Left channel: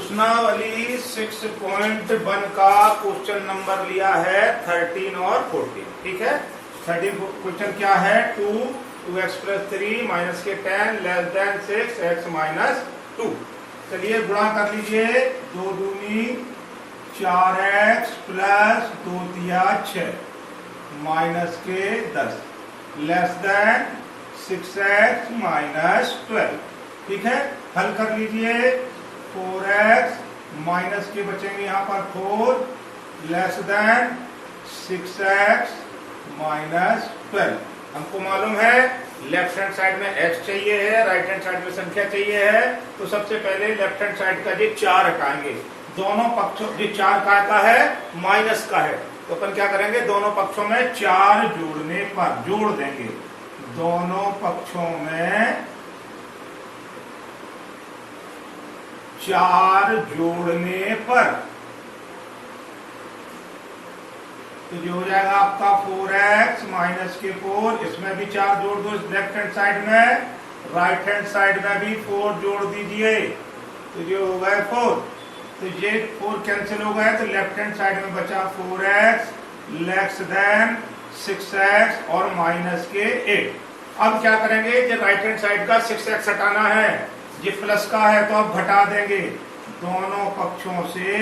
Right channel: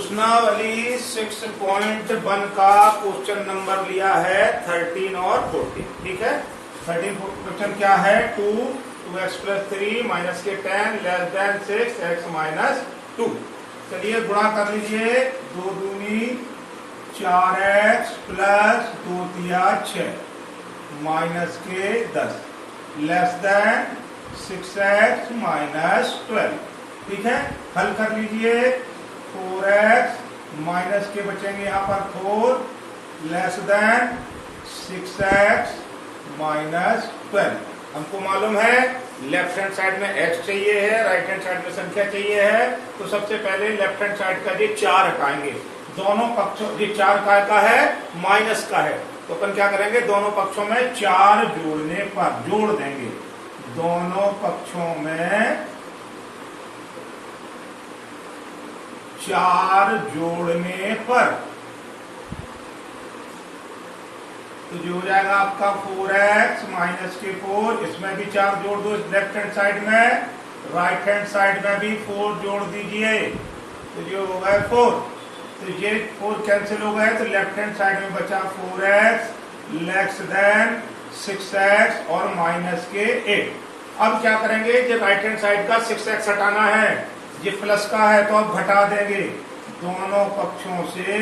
प्रश्नावली 6.1 का question number लिया है 13 और 14। ठीक है, 13 क्वेश्चन क्या है, 2x + 3 माइनस के 10 लेस देन 6x माइनस 2। चलिए गुणा कर लीजिए, 2 दूनी 4x प्लस 2 तिया 6 माइनस के 10 लेस देन 6x माइनस 12। ठीक है, हल कर लीजिए, 4x माइनस के बचेंगे यहाँ पर 4 लेस देन 6x माइनस 12। हमको मालूम है लेफ्ट हैंड साइड में x चाहिए है, राइट हैंड साइड में संख्या चाहिए है, तो सबसे पहले लेफ्ट हैंड साइड का ये 4 हटाएंगे। दोनों पक्षों, ये 4 का है माइनस का है, तो अपन क्या करेंगे, दोनों पक्षों में 4 जोड़ने पर जोड़ देंगे। दोनों पक्षों में 4 जोड़ने पर तो जो हो जाएगा आपका 4x माइनस के 4, इसमें भी 4 जोड़ दो लेफ्ट हैंड साइड में, राइट हैंड साइड में भी 4 जोड़ दीजिए, तो जो हो गए 4। तो ये 4 कैंसिल हो गए, तो लेफ्ट हैंड साइड में बचा 4x लेस देन 6x और माइनस के 8। अब क्या करेंगे, जो राइट हैंड साइड का 6x हटाना है, ये प्लस का है तो अब घटा देंगे। दोनों पक्षों से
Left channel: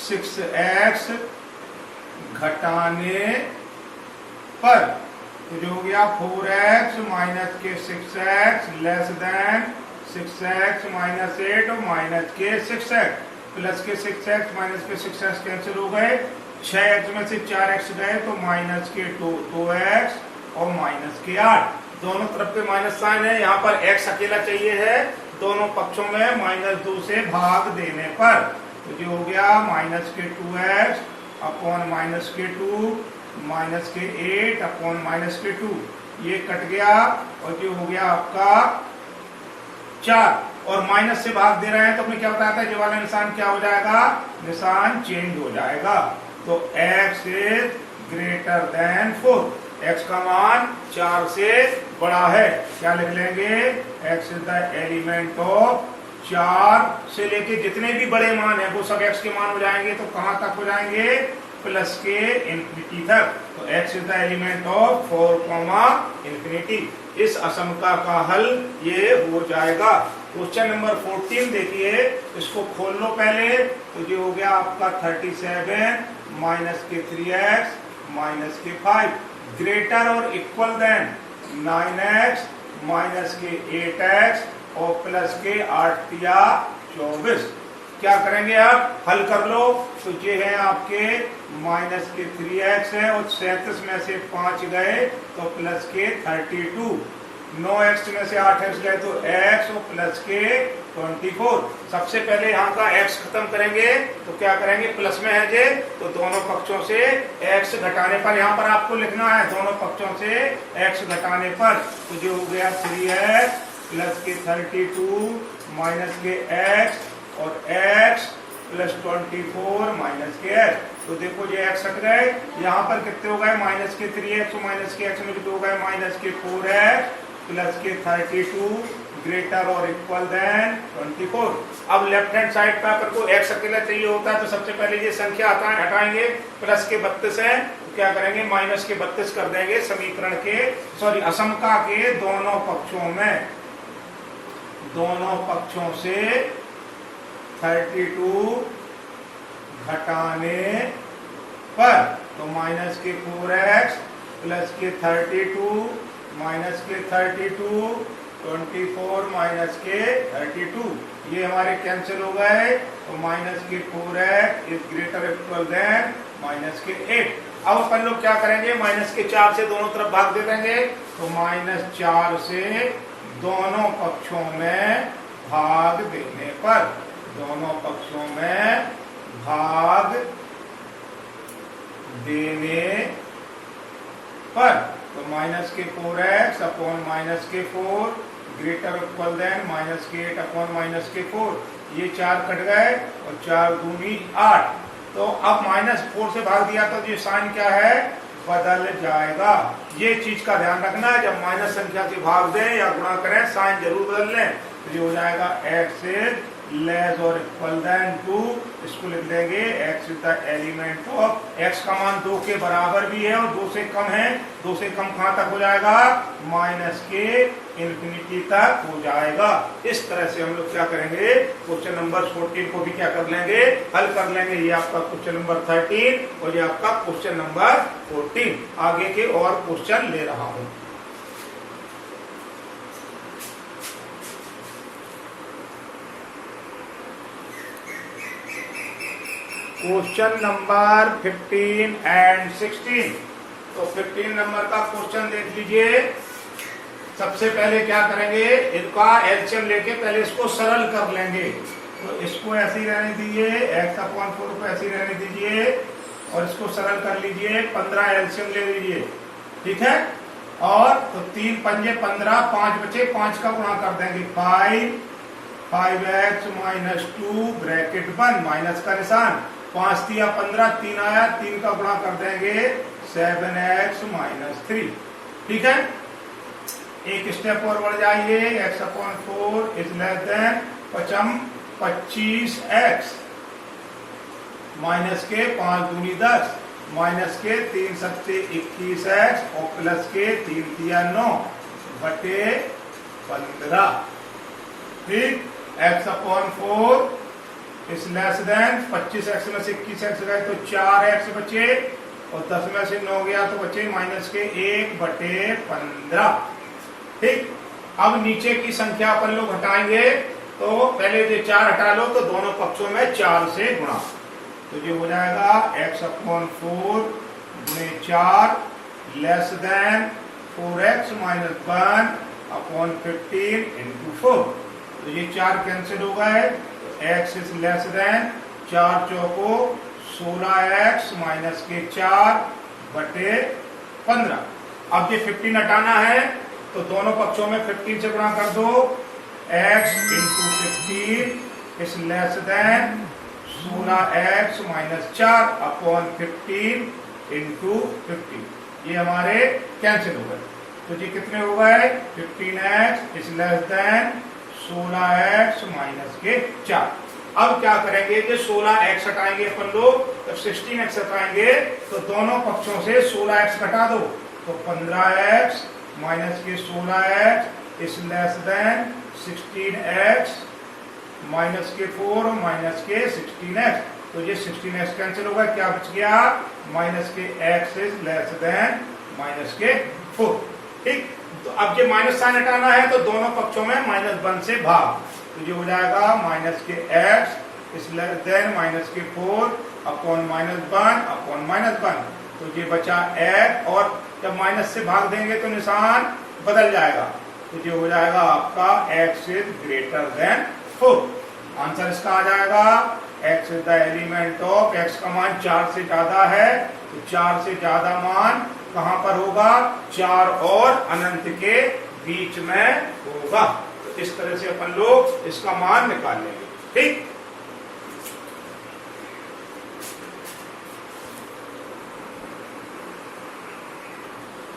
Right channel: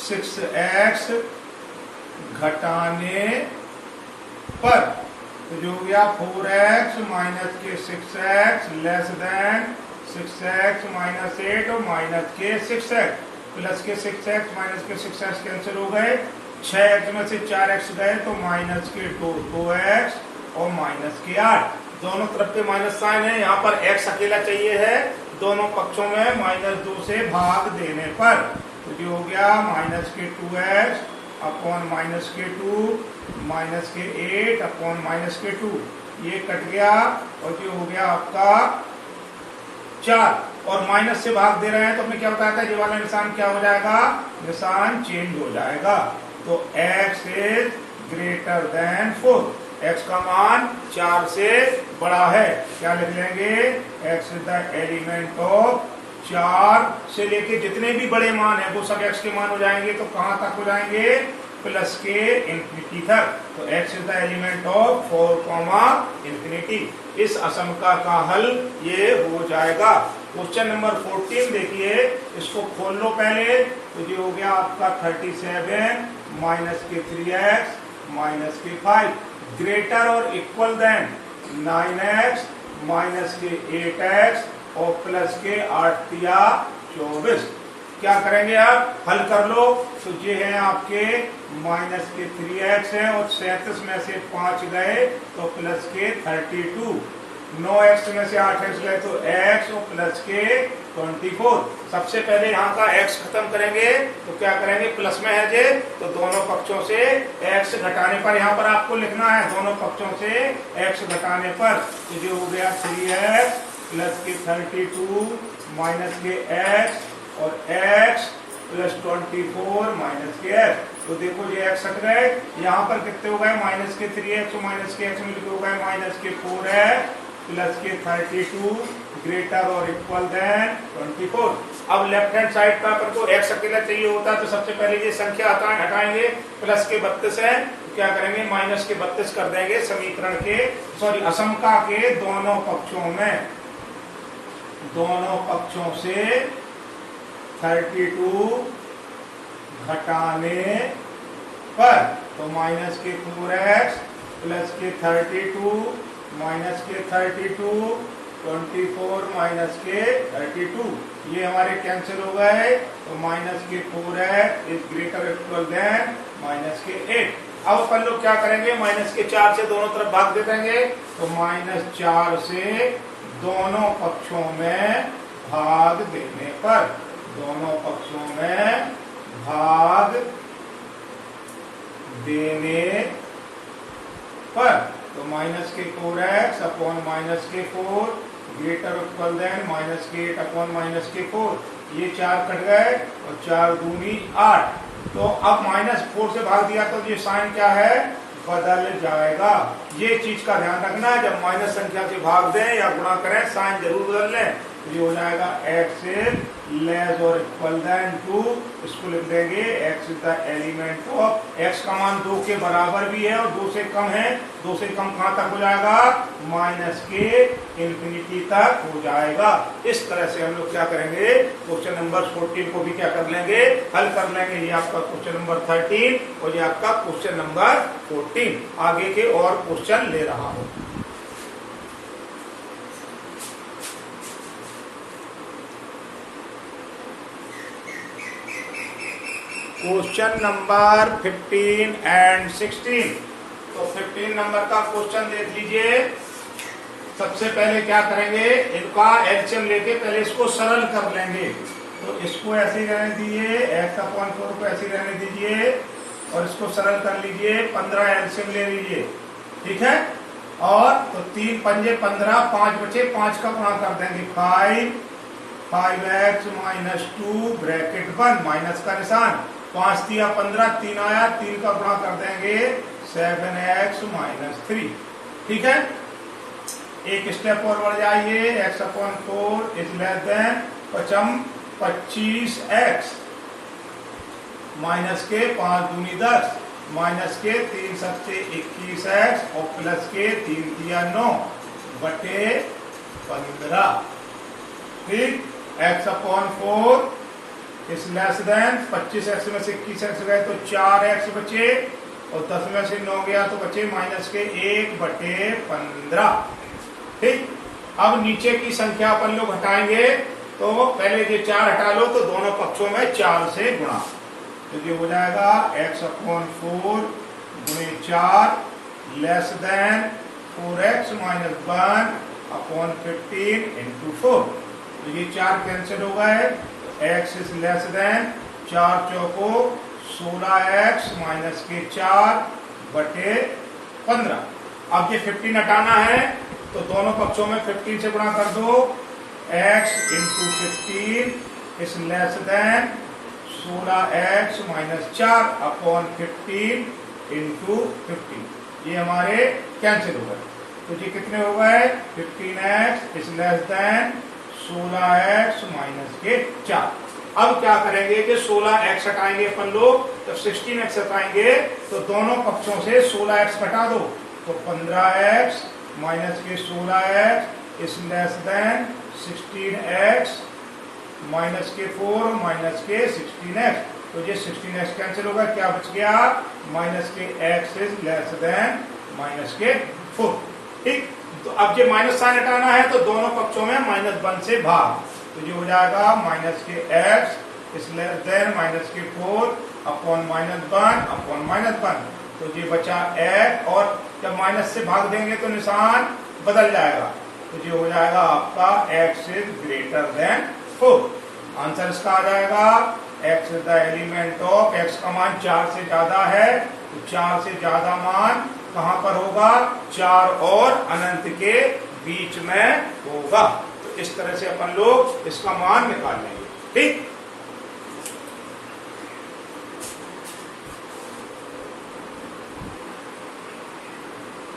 6x घटाने पर तो जो हो गया 4x माइनस के 6x less than 6x minus 8 और माइनस के 6x प्लस के 6x माइनस के 6x कैंसिल हो गए, 6x में से 4x गए तो माइनस के 2x और माइनस के 8। दोनों तरफ पे माइनस साइन है, यहाँ पर x अकेला चाहिए है, दोनों पक्षों में -2 से भाग देने पर तो जो हो गया माइनस के 2x अपॉन माइनस के 2 माइनस के 8 अपॉन माइनस के 2, ये कट गया और जो हो गया आपका 4 और माइनस से भाग दे रहे हैं तो अपने क्या बताया था, ये वाला निशान क्या हो जाएगा, निशान चेंज हो जाएगा। तो x is greater than 4, x का मान 4 से बड़ा है, क्या लिख लेंगे, x is the element of 4 से लेके जितने भी बड़े मान है वो सब x के मान हो जाएंगे। तो कहां तक हो जाएंगे, प्लस के इंफिनिटी तक। तो x is the element of 4, infinity. इस असमका का हल ये हो जाएगा। क्वेश्चन नंबर 14 देखिए, इसको खोल लो पहले, तो जो हो गया आपका 37 माइनस के 3x माइनस के 5 ग्रेटर और इक्वल देन 9x माइनस के 8x और प्लस के 8 तिया 24। क्या करेंगे आप, हल कर लो, तो ये है आपके माइनस के 3x है और 37 में से 5 गए तो प्लस के 32, 9x में से 8x गए तो x और प्लस के 24। सबसे पहले यहाँ का x खत्म करेंगे तो क्या करेंगे, प्लस में है जे, तो दोनों पक्षों से x घटाने पर, यहाँ पर आपको लिखना है दोनों पक्षों से x घटाने पर, तो जो हो गया 3x प्लस के 32 माइनस के x और x प्लस 24 माइनस के x। तो देखो ये x हट गए, यहाँ पर कितने हो गए, माइनस के 3x और माइनस के x में कितने हो गए, माइनस के 4x प्लस के 32 ग्रेटर और इक्वल देन 24। अब लेफ्ट हैंड साइड का पर को x अकेला चाहिए होता है तो सबसे पहले ये संख्या हटाएंगे, प्लस के 32 है तो क्या करेंगे, माइनस के 32 कर देंगे समीकरण के, सॉरी असमका के दोनों पक्षों से 32 घटाने पर तो माइनस के 4x प्लस के 32 माइनस के 32 24 माइनस के 32, ये हमारे कैंसिल हो गए, तो माइनस के 4x is greater equal than minus के 8। अब अपन लोग क्या करेंगे, माइनस के 4 से दोनों तरफ भाग दे देंगे, तो -4 से दोनों पक्षों में भाग देने पर, दोनों पक्षों में भाग देने पर तो माइनस के 4x अपॉन माइनस के 4 ग्रेटर इक्वल देन माइनस के 8 अपॉन माइनस के 4, ये 4 कट गए और 4 दूनी 8। तो अब -4 से भाग दिया तो ये साइन क्या है, बदल जाएगा। ये चीज का ध्यान रखना है, जब माइनस संख्या के भाग दें या गुणा करें साइन जरूर बदल लें। तो ये हो जाएगा x इज लेस और इक्वल देन 2, इसको लिख देंगे x is the element of, x का मान 2 के बराबर भी है और 2 से कम है। 2 से कम कहां तक हो जाएगा, माइनस के इंफिनिटी तक हो जाएगा। इस तरह से हम लोग क्या करेंगे, क्वेश्चन नंबर 14 को भी क्या कर लेंगे, हल कर लेंगे। ये आपका क्वेश्चन नंबर 13 और ये आपका क्वेश्चन नंबर 14। आगे के और क्वेश्चन ले रहा हूं। Question number 15 and 16। तो 15 नंबर का क्वेश्चन देख लीजिए। सबसे पहले क्या करेंगे, इनका एलसीएम लेके पहले इसको सरल कर लेंगे। तो इसको ऐसे ही रहने दीजिए, x/4 को ऐसे ही रहने दीजिए और इसको सरल कर लीजिए। 15 एलसीएम ले लीजिए, ठीक है। और तो 3 पंजे 15, 5 बचे, 5 का गुणा कर देंगे 5x माइनस 2 ब्रैकेट 1 माइनस का निशान, 5 दिया 15, 3 आया, 3 का गुणा कर देंगे 7x माइनस 3, ठीक है। एक स्टेप और बढ़ जाइए, x/4 is less than 25x minus के 5 दूनी 10 माइनस के 3 सबसे 21x और प्लस के 3 दिया 9 बटे 15, ठीक। x/4 is less than 25x में से 21x गए तो 4x बचे और 10 में से 9 गया तो बचे माइनस के 1 बटे 15, ठीक। अब नीचे की संख्या अपन लोग हटाएंगे, तो पहले जो 4 हटा लो तो दोनों पक्षों में 4 से गुणा, तो ये हो जाएगा x/4 गुणे 4 less than 4x minus 1/15 into 4। तो ये 4 कैंसिल हो गए, x is less than 4 choco 16x minus के 4 बटे 15। अब ये 15 हटाना है तो दोनों पक्षों में 15 से गुणा कर दो, x into 15 is less than 16x minus 4/15 into 15। ये हमारे कैंसिल हो गए, तो ये कितने हो गए, 15x is less than 16x minus के 4। अब क्या करेंगे कि 16x हटाएंगे अपन लोग, जब 16x हटाएंगे तो दोनों पक्षों से 16x घटा दो, तो 15x माइनस के 16x is less than 16x minus के 4 माइनस के 16x। तो ये 16x कैंसिल होगा, क्या बच गया, माइनस के x is less than minus के 4, ठीक। तो अब ये माइनस साइन हटाना है तो दोनों पक्षों में -1 से भाग, तो ये हो जाएगा माइनस के x is less than minus के 4 अपॉन -1 तो ये बचा x, और जब माइनस से भाग देंगे तो निशान बदल जाएगा, तो ये हो जाएगा आपका x is greater than 4। Answer इसका आ जाएगा x is the element of, x का मान 4 से ज्यादा है तो 4 से ज्यादा मान कहां पर होगा, 4 और अनंत के बीच में होगा। तो इस तरह से अपन लोग इसका मान निकाल लेंगे, ठीक।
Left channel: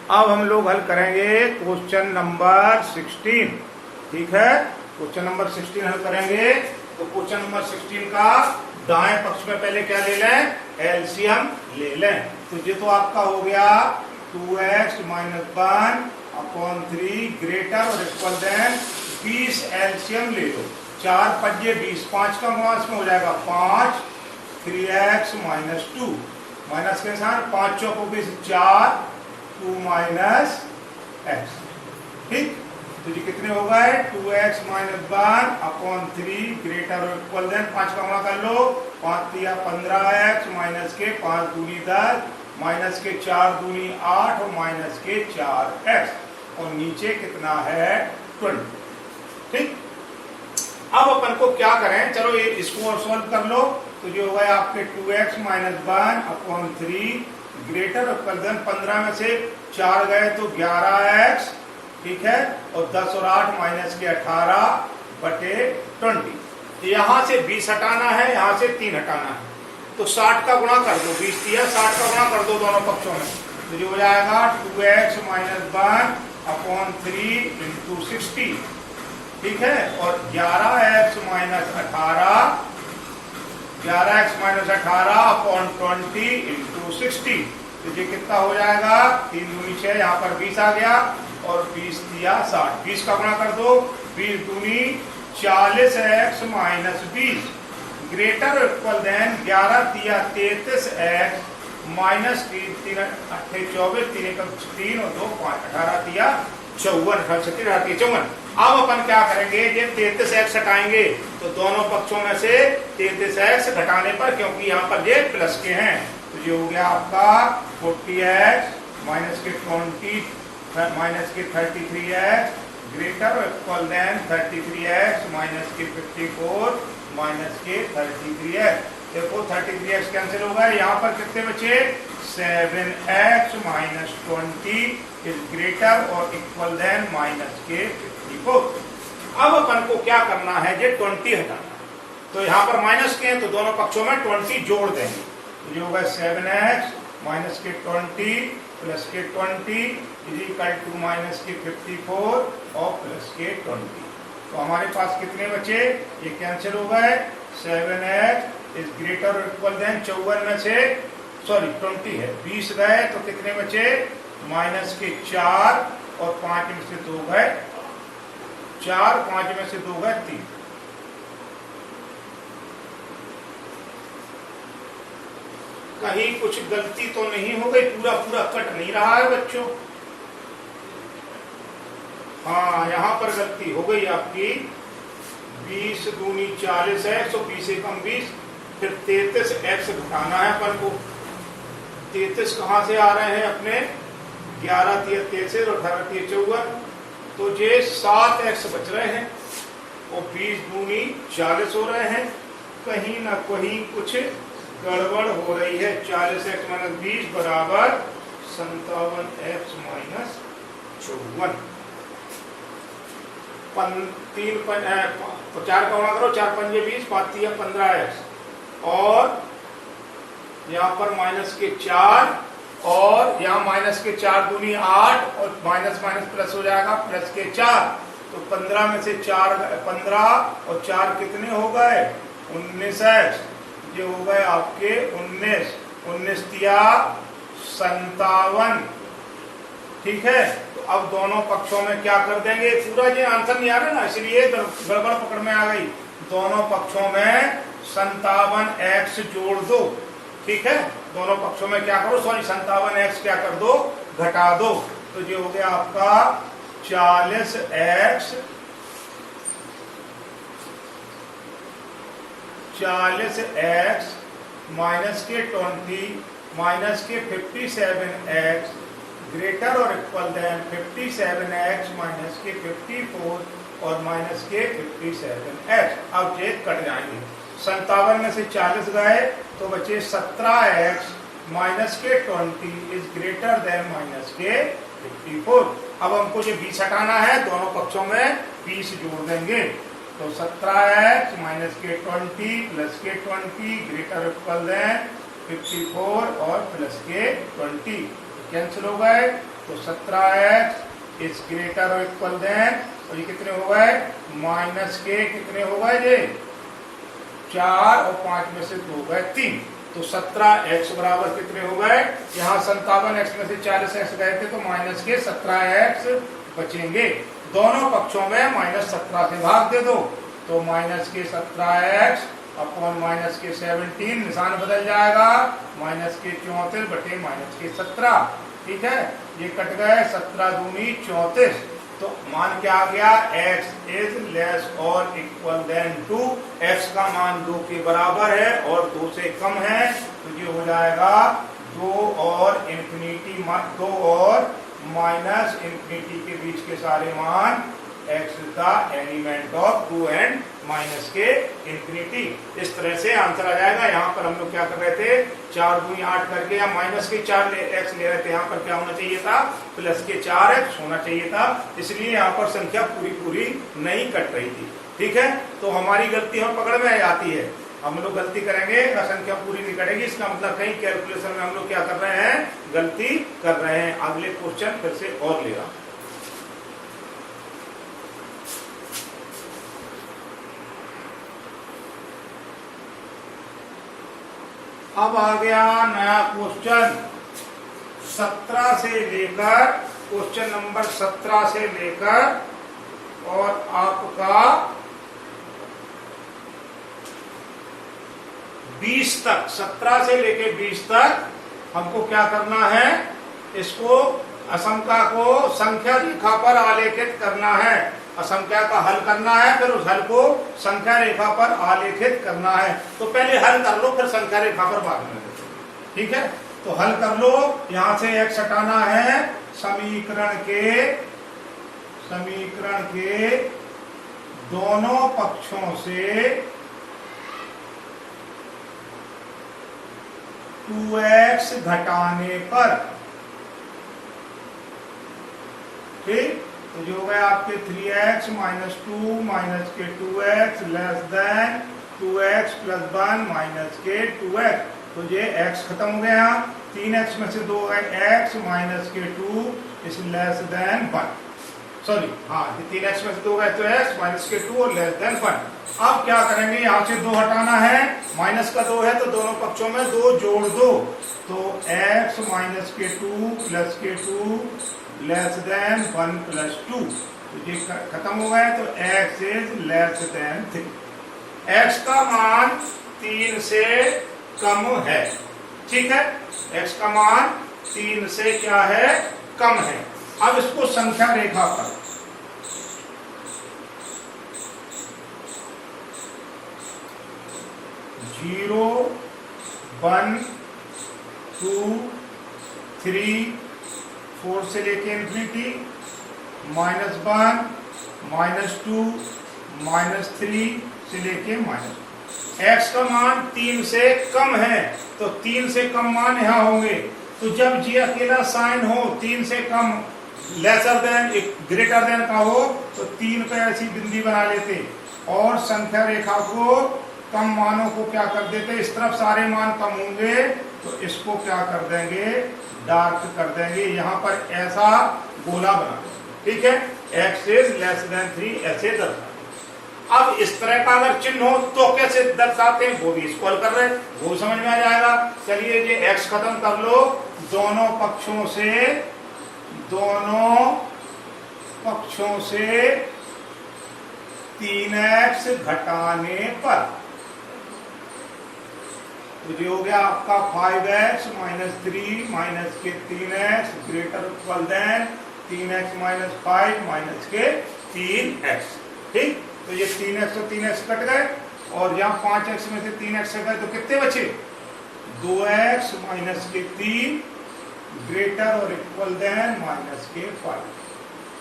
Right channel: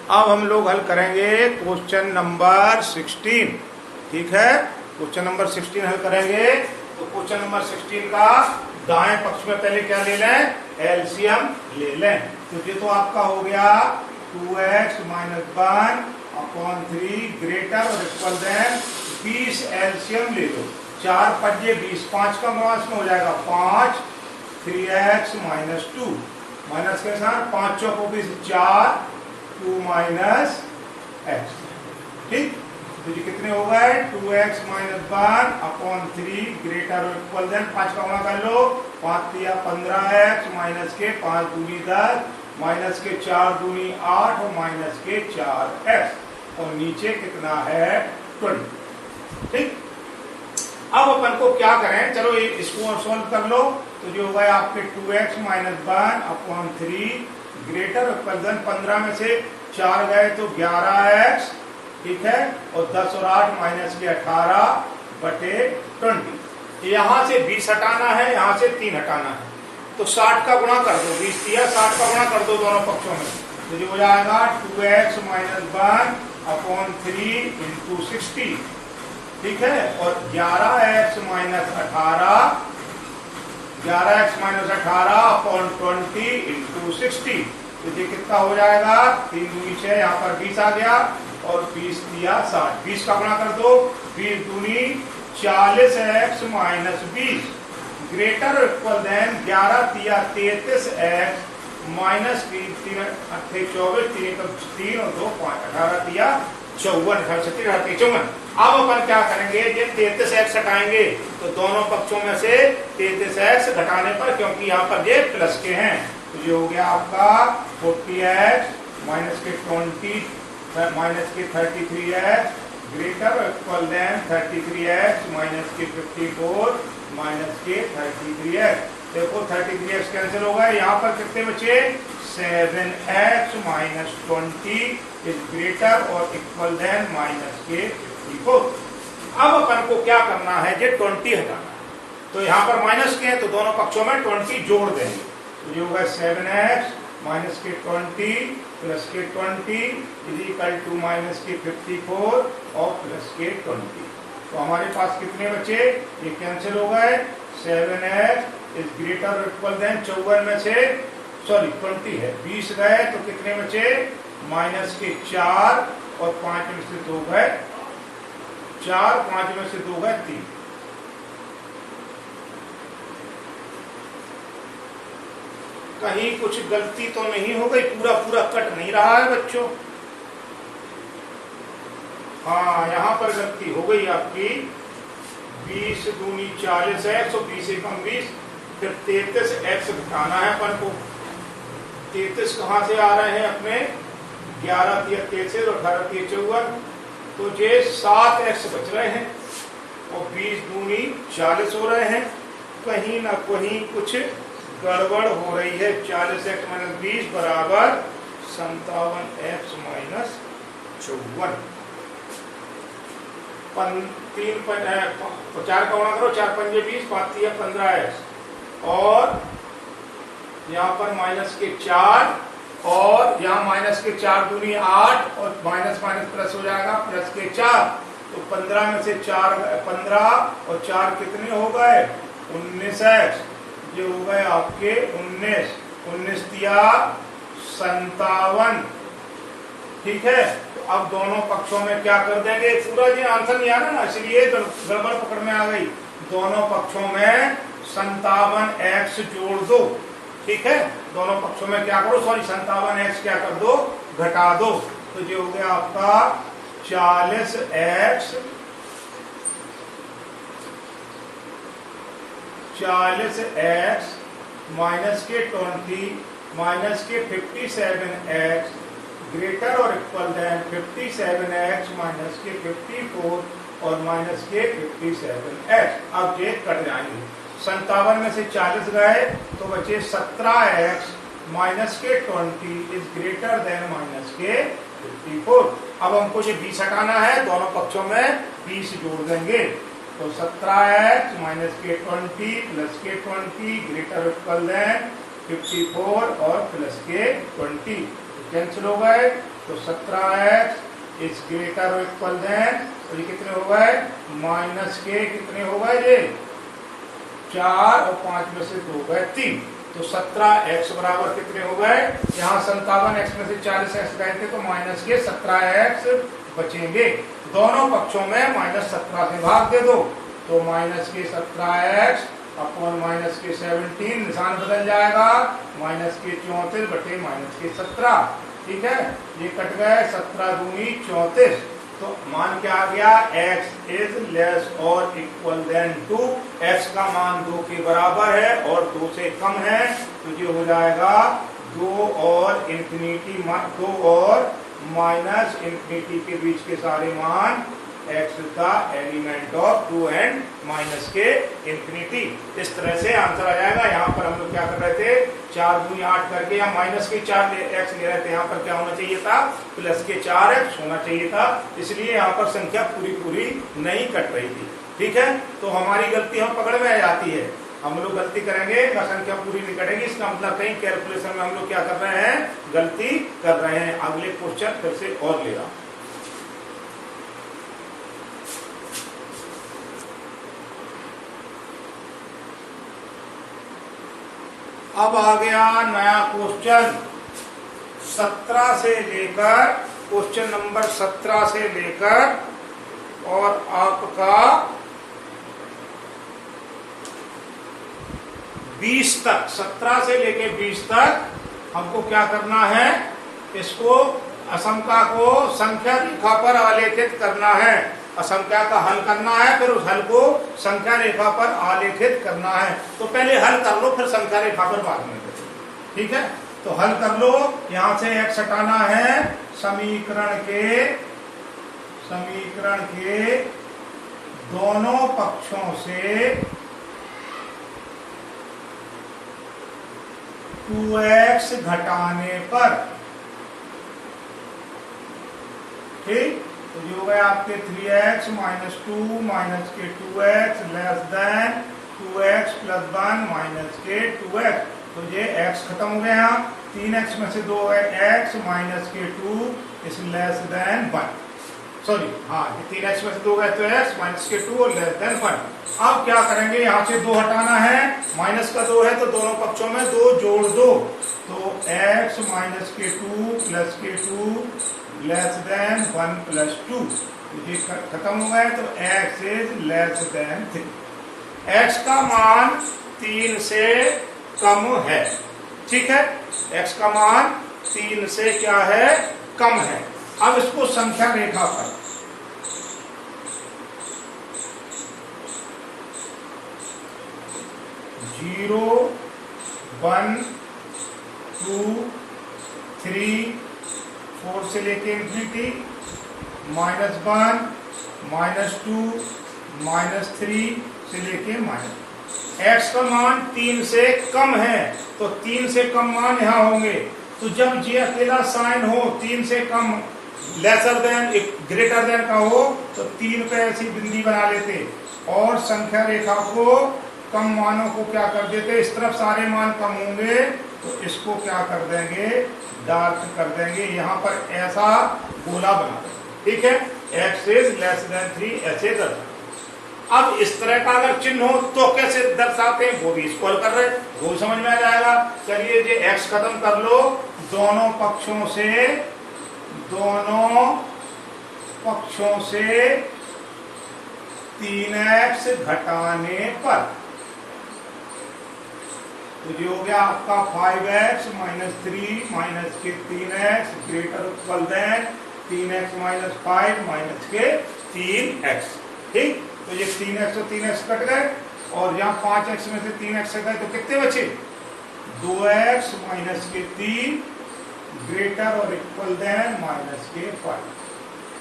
अब हम लोग हल करेंगे क्वेश्चन नंबर 16, ठीक है। क्वेश्चन नंबर 16 हल करेंगे, तो क्वेश्चन नंबर 16 का दाएं पक्ष में पहले क्या ले लें, एलसीएम ले लें। तो ये तो आपका हो गया 2x माइनस 1/3 ग्रेटर और इक्वल देन 20 एलसीएम ले लो, 4 पंजे 20, 5 का मास में हो जाएगा 5, 3x माइनस 2 माइनस के साथ 5 चौको 20, 4 2 माइनस x, ठीक। तो ये कितने हो गए, 2x माइनस 1/3 ग्रेटर और इक्वल देन 5 का गुणा कर लो, 5 दिया 15x माइनस के 5 दूनी 10 माइनस के 4 दूनी 8 और माइनस के 4x और नीचे कितना है 20, ठीक। अब अपन को क्या करें, चलो इसको सॉल्व कर लो। तो जो होगा आपके 2x minus 1/3 greater equal then 15 में से 4 गए तो 11x, ठीक है, और 10 और 8 माइनस के 18 बटे 20। यहां से 20 हटाना है, यहां से 3 हटाना है, तो 60 का गुणा कर दो, 20 दिया 60 का गुणा कर दो दोनों पक्षों में, तो जो हो जाएगा 2x माइनस 1/3 इंटू 60, ठीक है। और 11x माइनस 18 अपॉन 20 इंटू 60, तो ये कितना हो जाएगा 3 दूनी 6, यहाँ पर 20 आ गया और 20 दिया 60, 20 का गुणा कर दो, 20 दूनी 40x minus 20 greater equal then 11 दिया 33x माइनस 3 3 24 3 3 और 2 5 18 दिया 54 54। अब अपन क्या करेंगे, ये 33x हटाएंगे तो दोनों पक्षों में से 33x घटाने पर, क्योंकि यहाँ पर ये प्लस के हैं, तो ये हो गया आपका 40x माइनस के 20 माइनस के 33x greater equal then 33x minus के 54 माइनस के 33x। देखो 33x कैंसिल हो गए, यहाँ पर कितने बचे 7x माइनस 20 इज ग्रेटर और इक्वल देन माइनस के 54। अब अपन को क्या करना है, ये 20 हटाना, तो यहाँ पर माइनस के हैं तो दोनों पक्षों में 20 जोड़ देंगे, तो ये होगा 7x माइनस के 20 प्लस के 20 इज इक्वल टू माइनस के 54 और प्लस के 20। तो हमारे पास कितने बचे, ये कैंसिल हो गए, 7x is greater equal then 54 में से 20 है, 20 गए तो कितने बचे माइनस के 4 और 5 में से 2 गए 4, 5 में से 2 गए 3। कहीं कुछ गलती तो नहीं हो गई, पूरा पूरा कट नहीं रहा है बच्चों। हाँ, यहां पर गलती हो गई आपकी, 20 दूनी 40 है, 120 एकम 20, फिर 33x घटाना है अपन को। 33 कहां से आ रहे हैं अपने, 11 दिया 33 और 18 दिया 54, तो ये 7x बच रहे हैं और 20 दूनी 40 हो रहे हैं। कहीं ना कहीं कुछ गड़बड़ हो रही है। 40x माइनस 20 बराबर 57x माइनस 54। 4 का गुणा करो, 4 पंजे 20, 5 दिया 15x और यहाँ पर माइनस के 4 और यहाँ माइनस के 4 दूनी 8 और माइनस माइनस प्लस हो जाएगा प्लस के 4, तो 15 में से 4 15 और 4 कितने हो गए 19x, ये हो गए आपके 19 दिया 57, ठीक है। तो अब दोनों पक्षों में क्या कर देंगे, पूरा ये आंसर नहीं आ रहा ना, इसलिए गड़बड़ पकड़ में आ गई। दोनों पक्षों में 57x जोड़ दो, ठीक है। दोनों पक्षों में क्या करो, 57x क्या कर दो, घटा दो, तो ये हो गया आपका 40x माइनस के 20 माइनस के 57x ग्रेटर और इक्वल देन 57x माइनस के 54 और माइनस के 57x। अब ये कट जाएंगे, 57 में से 40 गए तो बचे 17x माइनस के 20 इज ग्रेटर देन माइनस के 54। अब हमको ये 20 हटाना है, दोनों पक्षों में 20 जोड़ देंगे, तो 17x माइनस के 20 प्लस के 20 ग्रेटर इक्वल देन 54 और प्लस के 20 कैंसिल हो गए, तो 17x इज ग्रेटर और इक्वल देन, और ये कितने हो गए माइनस के कितने हो गए ये 4 और 5 में से 2 गए 3, तो 17x बराबर कितने हो गए, यहाँ 57x में से 40x गए थे तो माइनस के 17x बचेंगे। दोनों पक्षों में माइनस 17 से भाग दे दो, तो माइनस के 17x अपॉन माइनस के 17, निशान बदल जाएगा, माइनस के 34 बटे माइनस के 17, ठीक है। ये कट गए, 17 दूनी 34, तो मान क्या आ गया, x इज लेस और इक्वल देन 2, x का मान 2 के बराबर है और 2 से कम है, तो ये हो जाएगा 2 और इंफिनिटी 2 और माइनस इंफिनिटी के बीच के सारे मान x का एलिमेंट ऑफ 2 एंड माइनस के इंफिनिटी। इस तरह से आंसर आ जाएगा। यहाँ पर हम लोग क्या कर रहे थे, 4 दूनी 8 करके या माइनस के 4x ले रहे थे, यहाँ पर क्या होना चाहिए था, प्लस के 4x होना चाहिए था, इसलिए यहाँ पर संख्या पूरी पूरी नहीं कट रही थी, ठीक है। तो हमारी गलती हम पकड़ में आ जाती है हम लोग गलती करेंगे ना, संख्या पूरी नहीं करेगी, इसका मतलब कहीं कैलकुलेशन में हम लोग क्या कर रहे हैं, गलती कर रहे हैं। अगले क्वेश्चन फिर से और ले रहा हूं। अब आ गया नया क्वेश्चन 17 से लेकर, क्वेश्चन नंबर 17 से लेकर और आपका 20 तक, 17 से लेकर 20 तक हमको क्या करना है, इसको असंख्या को संख्या रेखा पर आलेखित करना है। असंख्या का हल करना है, फिर उस हल को संख्या रेखा पर आलेखित करना है। तो पहले हल कर लो, फिर संख्या रेखा पर बाद में करो, ठीक है। तो हल कर लो, यहां से x हटाना है, समीकरण के दोनों पक्षों से 2x घटाने पर, ठीक। तो जो हो गया आपके 3x माइनस 2 माइनस के 2x less than 2x plus 1 minus के 2x। तो ये x खत्म हो गया, 3x में से 2x माइनस के 2 इज लेस देन 1। सॉरी, हाँ, ये 3x में से 2 गए तो x माइनस के 2 और लेस देन 1। अब क्या करेंगे, यहां से 2 हटाना है, माइनस का 2 है तो दोनों पक्षों में 2 जोड़ दो। तो x माइनस के 2 प्लस के 2 लेस देन 1 प्लस 2। ये खत्म हो गए, तो x is less than 3। x का मान 3 से कम है, ठीक है। x का मान 3 से क्या है, कम है। अब इसको संख्या रेखा पर, जीरो 1 2 3 4 से लेके इन्फिनिटी, -1 -2 -3 से लेके माइनस। x का मान 3 से कम है, तो 3 से कम मान यहां होंगे। तो जब जी अकेला साइन हो 3 से कम, लेसर देन ग्रेटर देन का हो, तो 3 पे ऐसी बिंदी बना लेते और संख्या रेखा को कम मानों को क्या कर देते, इस तरफ सारे मान कम होंगे तो इसको क्या कर देंगे, डार्क कर देंगे। यहां पर ऐसा गोला बना देंगे, ठीक है। x इज लेस देन 3 ऐसे दर्शाते। अब इस तरह का अगर चिन्ह हो तो कैसे दर्शाते हैं, वो भी इसको हल कर रहे हैं, वो समझ में आ जाएगा। चलिए ये x खत्म कर लो, दोनों पक्षों से 3x घटाने पर, तो ये हो गया आपका 5x माइनस 3 माइनस के 3x greater equal than 3x minus 5 minus के 3x, ठीक। तो ये 3x और 3x कट गए और यहाँ 5x में से 3x गए तो कितने बचे, 2x माइनस के 3 ग्रेटर और इक्वल देन माइनस के 5,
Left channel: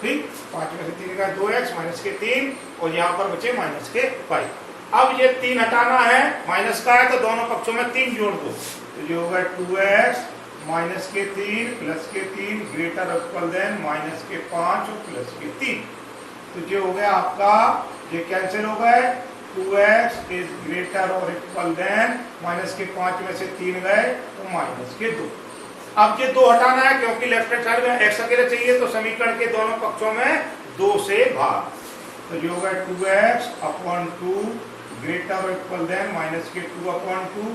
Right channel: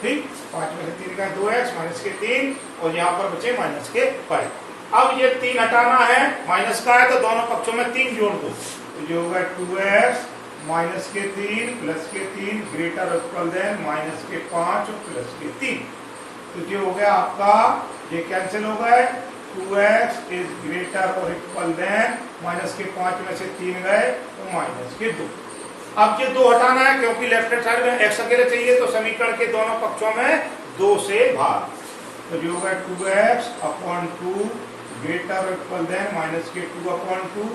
ठीक। 5 में से 3 का 2x माइनस के 3 और यहाँ पर बचे माइनस के 5। अब ये 3 हटाना है, माइनस का है तो दोनों पक्षों में 3 जोड़ दो, तो जो होगा 2x माइनस के 3 प्लस के 3 ग्रेटर इक्वल देन माइनस के 5 प्लस के 3। तो जो हो गया आपका, ये कैंसिल हो गए, 2x इज ग्रेटर और इक्वल देन माइनस के 5 में से 3 गए तो माइनस के 2। अब ये 2 हटाना है क्योंकि लेफ्ट हैंड साइड में x अकेले चाहिए, तो समीकरण के दोनों पक्षों में 2 से भाग, तो जो होगा 2x upon 2 greater equal than minus के 2 अपॉन 2,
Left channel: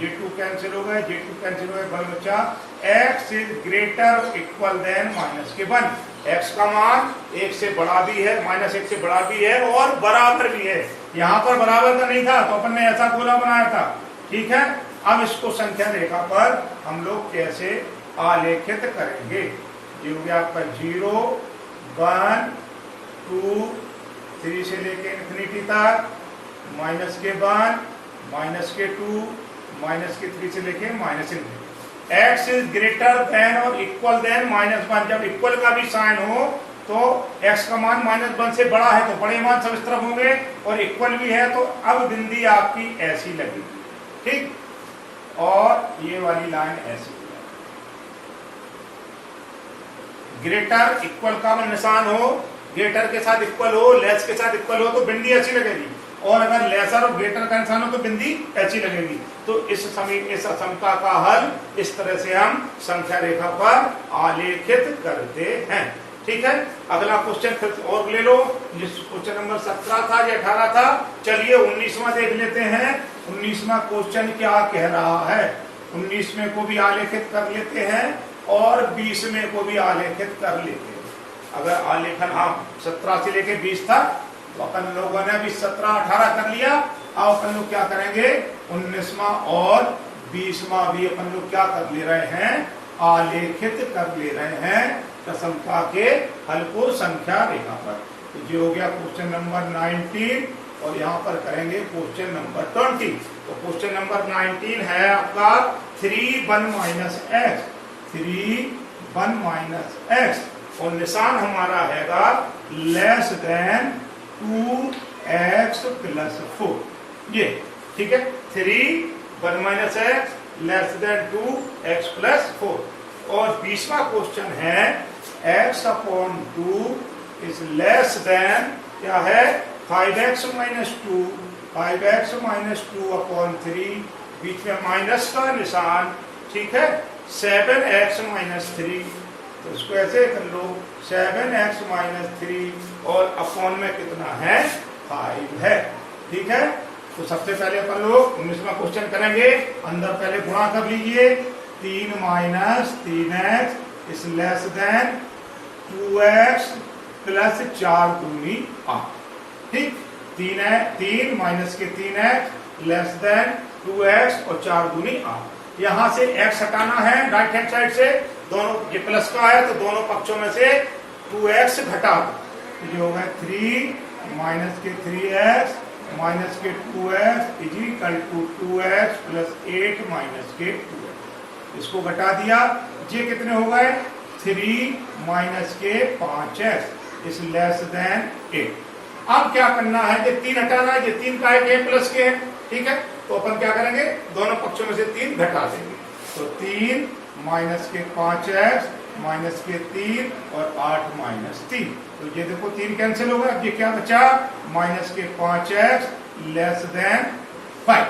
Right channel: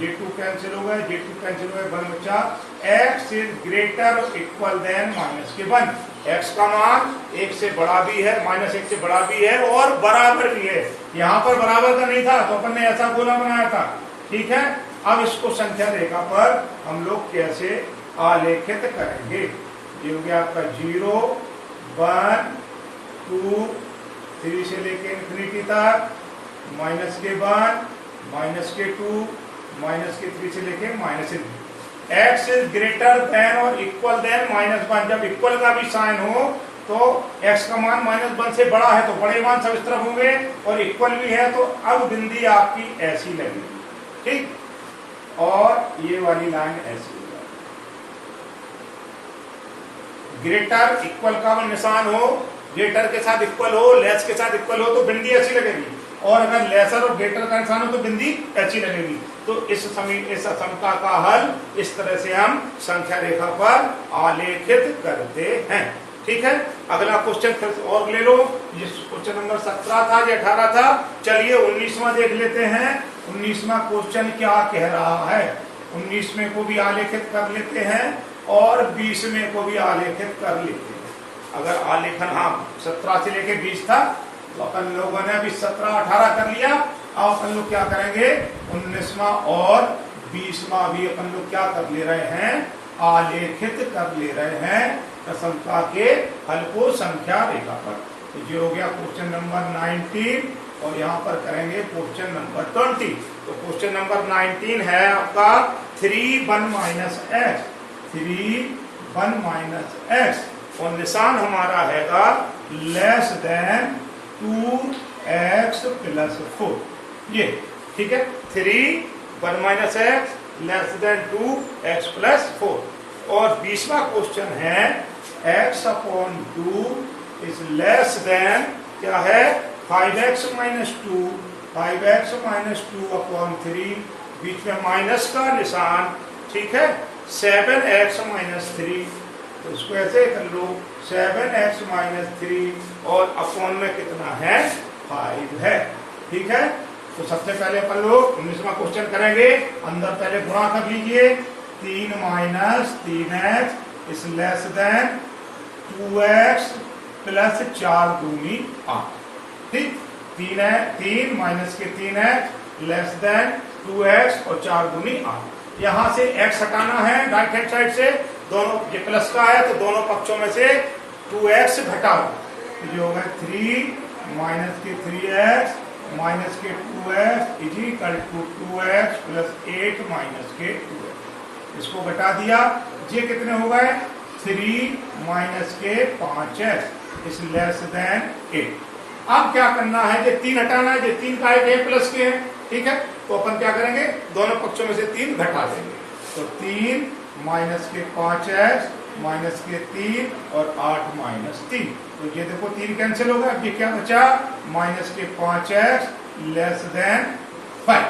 ये 2 कैंसिल हो गए, ये 2 कैंसिल हो गए, बन बचा x is greater equal than minus के 1। x का मान 1 से बड़ा भी है, माइनस 1 से बड़ा भी है और बराबर भी है। यहाँ पर बराबर का नहीं था तो अपन ने ऐसा गोला बनाया था, ठीक है। अब इसको संख्या रेखा पर हम लोग कैसे आलेखित करेंगे, ये हो गया आपका 0 1 2 3 से लेके इन्फिनिटी तक, माइनस के 1 माइनस के 2 माइनस के 3 से लेके minus infinity. x is greater than और इक्वल देन -1। जब इक्वल का भी साइन हो तो x का मान -1 से बड़ा है तो बड़े मान सब इस तरफ होंगे और इक्वल भी है तो अब बिंदी आपकी ऐसी लगेगी, ठीक। और ये वाली लाइन ऐसी हो जाएगी। ग्रेटर इक्वल का निशान हो, ग्रेटर के साथ इक्वल हो, लेस के साथ इक्वल हो तो बिंदी ऐसी लगेगी। और अगर लेसर और ग्रेटर का निशान हो तो बिंदी अच्छी लगेगी। तो इस समका का हल इस तरह से हम संख्या रेखा पर आलेखित करते हैं। ठीक है, अगला क्वेश्चन फिर और ले लो। ये क्वेश्चन नंबर 17 था या 18 था। चलिए 19वां देख लेते हैं। 19वां क्वेश्चन क्या कह रहा है। 19वें को भी आलेखित कर लेते हैं और 20वें को भी आलेखित कर लेते हैं। अगर आलेखन 17 से लेके 20 था तो अपन लोगों ने अभी 17, 18 कर लिया। अब अपन लोग क्या करेंगे, 19वां और 20वां भी अपन लोग क्या कर ले रहे हैं, आलेखित कर ले रहे हैं समका के हल को संख्या रेखा पर। तो ये हो गया क्वेश्चन नंबर 19 और यहाँ पर करेंगे क्वेश्चन नंबर 20। तो क्वेश्चन नंबर 19 है आपका 3 1 माइनस एक्स, 3 1 माइनस एक्स और निशान हमारा हैगा लेस देन 2x प्लस 4। ये ठीक है, 3 1 minus x less than 2x plus 4। और 20वां क्वेश्चन है x upon 2 is less than क्या है 5x minus 2, 5x minus 2 upon 3, बीच में माइनस का निशान। ठीक है, 7x माइनस 3। तो इसको ऐसे कर लो 7x माइनस 3 और अपॉन में कितना है 5 है। ठीक है, तो सबसे पहले अपन लोग 19वां क्वेश्चन करेंगे। अंदर पहले गुणा कर लीजिए, 3 minus 3x is less than 2x plus 4 दूनी 8। ठीक, 3 माइनस के 3x लेस देन 2x और 4 दूनी 8। यहां से x हटाना है राइट हैंड साइड से, दोनों ये प्लस का है तो दोनों पक्षों में से 2x घटा दो। ये होगा 3 माइनस के 3x माइनस के 2x is equal to 2x plus 8 minus के 2x। इसको घटा दिया, ये कितने हो गए 3 माइनस के 5x इज लेस देन 8। अब क्या करना है, ये 3 हटाना है, ये 3 का है प्लस के है। ठीक है, तो अपन क्या करेंगे, दोनों पक्षों में से 3 घटा देंगे। तो 3 माइनस के 5x माइनस के 3 और 8 माइनस 3। तो ये देखो 3 कैंसिल हो गया। अब ये क्या बचा माइनस के 5x लेस देन 5।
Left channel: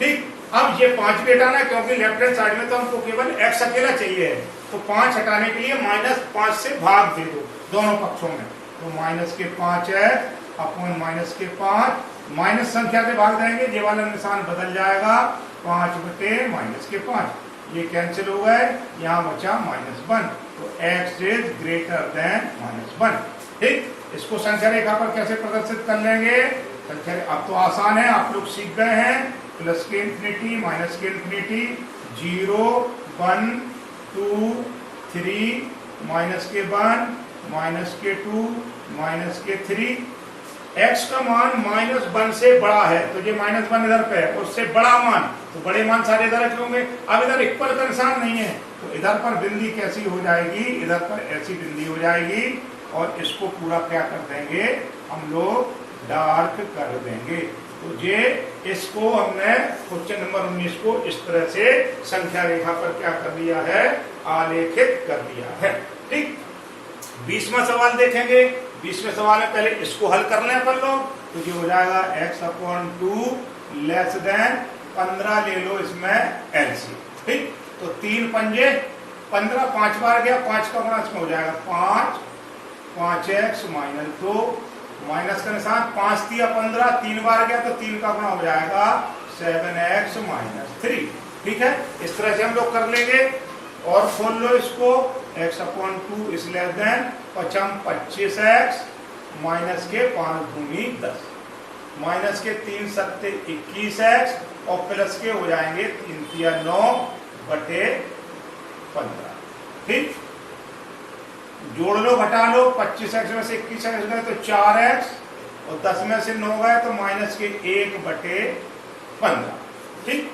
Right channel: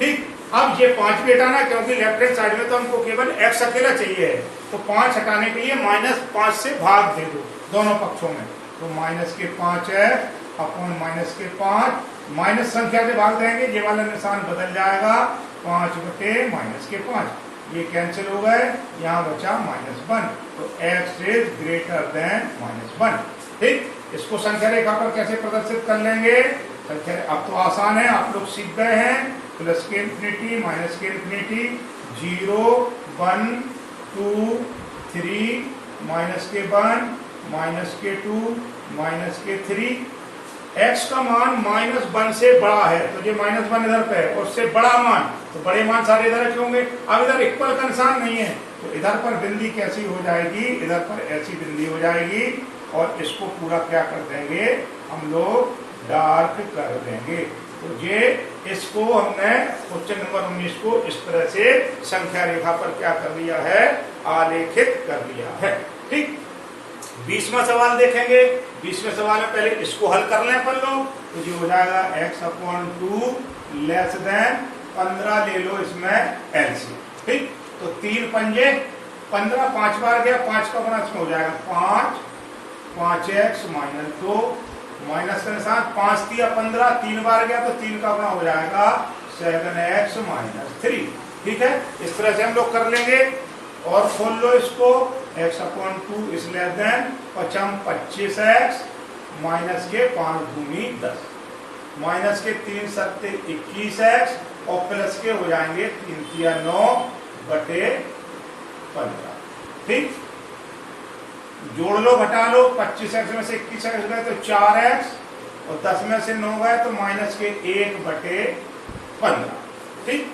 ठीक, अब ये 5 भी हटाना क्योंकि लेफ्ट हैंड साइड में तो हमको केवल x अकेला चाहिए है। तो 5 हटाने के लिए माइनस 5 से भाग दे दो दोनों पक्षों में। तो माइनस के 5x अपॉन माइनस के 5, माइनस संख्या से भाग देंगे, ये वाला निशान बदल जाएगा 5 बटे माइनस के 5। ये कैंसिल हो गए, यहाँ बचा -1। तो x इज ग्रेटर देन -1। ठीक, इसको संख्या रेखा पर कैसे प्रदर्शित कर लेंगे, संख्या अब तो आसान है, आप लोग सीख गए हैं। प्लस के इंफिनिटी माइनस के इंफिनिटी, 0 1 2 3 माइनस के 1 माइनस के 2 माइनस के 3। x का मान -1 से बड़ा है तो ये -1 इधर पे है, और उससे बड़ा मान तो बड़े मान सारे इधर रखे होंगे। अब इधर इक्वल का निशान नहीं है तो इधर पर बिंदी कैसी हो जाएगी, इधर पर ऐसी बिंदी हो जाएगी और इसको पूरा क्या कर देंगे हम लोग, डार्क कर देंगे। तो ये इसको हमने क्वेश्चन नंबर 19 को इस तरह से संख्या रेखा पर क्या कर दिया है, आलेखित कर दिया है। ठीक, 20वां सवाल देखेंगे। 20वें सवाल में पहले इसको हल कर लें अपन लोग। तो ये हो जाएगा x अपॉन 2 लेस देन 15 ले लो इसमें एलसी। ठीक, तो 3 पंजे 15, 5 बार गया, 5 का गुणा इसमें हो जाएगा 5x माइनस 2 माइनस का निशान, 5 दिया 15, 3 बार गया तो 3 का गुणा हो जाएगा 7x माइनस 3। ठीक है, इस तरह से हम लोग कर लेंगे। और खोल लो इसको, x upon 2 is less than 25x minus के 5 दूनी 10 माइनस के 3 सत्ते 21x और प्लस के हो जाएंगे 3 तिया 9 बटे 15। ठीक, जोड़ लो घटा लो, 25x में से 21x गए तो 4x और 10 में से 9 गए तो माइनस के 1 बटे 15। ठीक,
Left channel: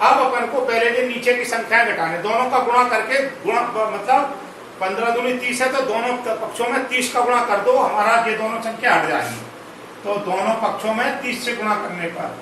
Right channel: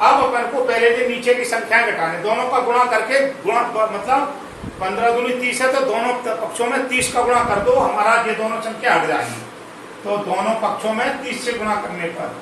अब अपन को पहले दिन नीचे की संख्याएं घटाने, दोनों का गुणा करके गुणा मतलब 15 दूनी 30 है तो दोनों पक्षों में 30 का गुणा कर दो, हमारा ये दोनों संख्या हट जाएंगी। तो दोनों पक्षों में 30 से गुणा करने पर